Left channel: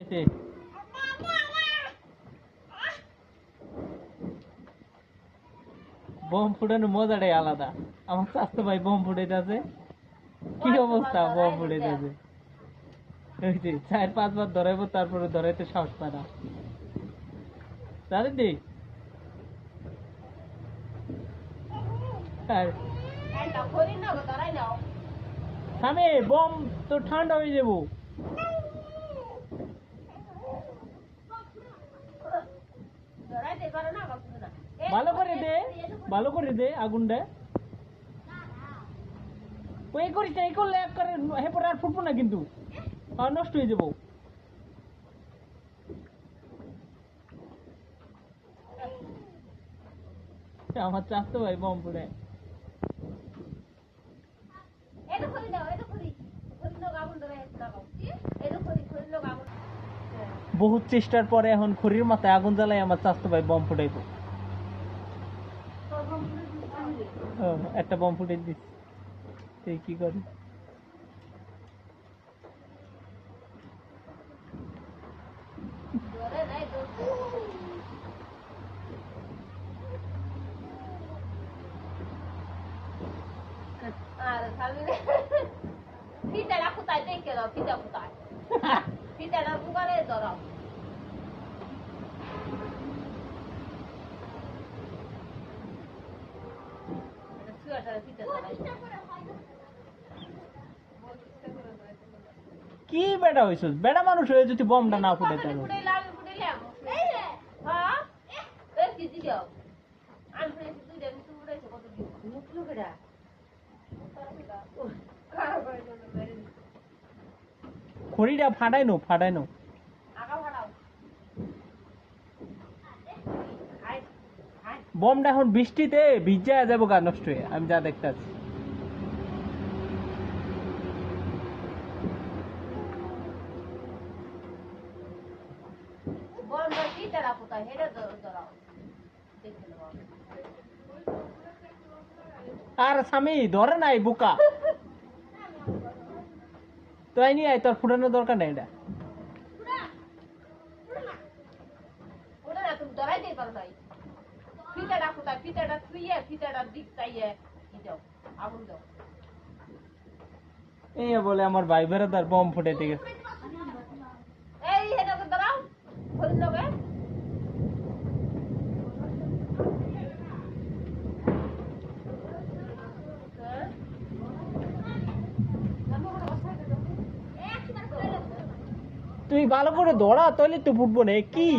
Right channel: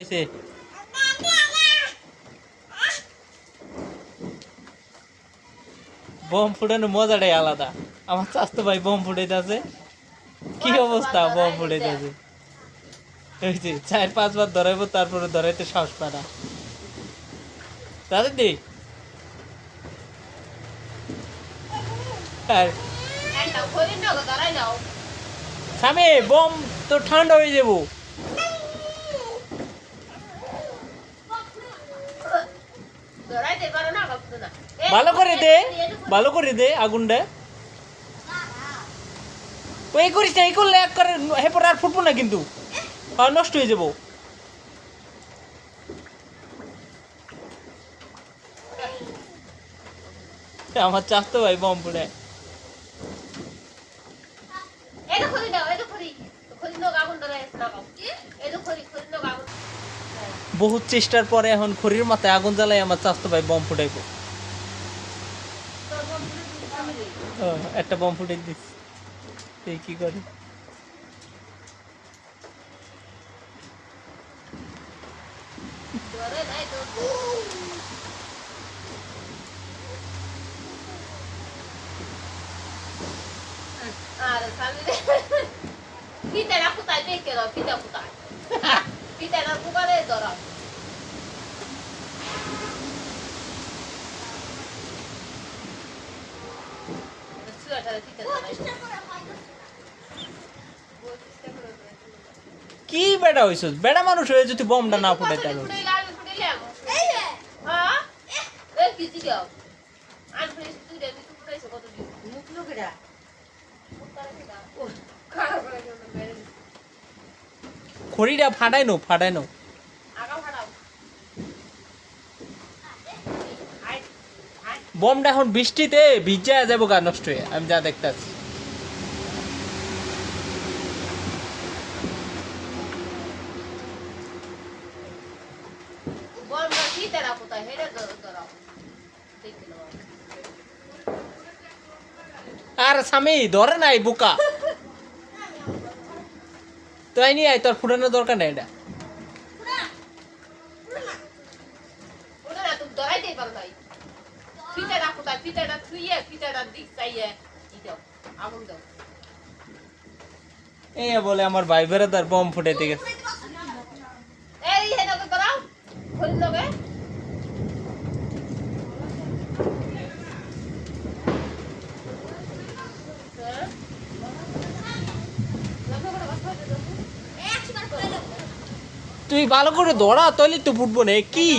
হয়েছে। বোম ফুটানোর মজাটাই আলাদা। আমার চাস্তো ভাই বোম ফুটাইতেছে, কি অবস্থা, বোম ফুটাইতেছে। 4-5 বার ধরাইবো, তারপরে ধরাইতে সাহস পায় না। দাদি স্বামী বোম তো ঠান্ডা হয়ে যাবো। ভালো করে দে, ভালো করে দে আগুনটা। এই করিস না, এই করলে এক করে হেপর আর ফুটবো না কিন্তু, নষ্ট হয়ে যাবো। আমার চাস্তো ভাই বোম ফুটে। বহুত চেষ্টার পরে এখন খড়ির মাথায় আগুন জ্বালাই আমার চাস্তো ভাই বোম ফুটাইবো। একটা বোম ফুটাই দিস, এই কি করে। Pitää kutai tekee, pitää kutai. Pitää kukaan ei tora. কি বেটা হইছস, বেটা মানুষ হয়ে যদি বোমটা না ফুটাইতে পারো। খড়িটা ফাটাই নো, ফাটাই নো। বোমটা এখন বৃষ্টিতে ভিজা যাবো গা, নষ্ট হয়ে, আমি যা দেখতেছি। আর স্বামী ধরে নাই বোকা, তাই নিয়ে আয়, তোর ফুটানোর দরকার নাই এটা। এ বলে আমার ভাই বেড়াদার বোম ফুটাইতে গেছে। তুই ভালো করে দৌড়া, তাহলে তো ফুটবো না কি।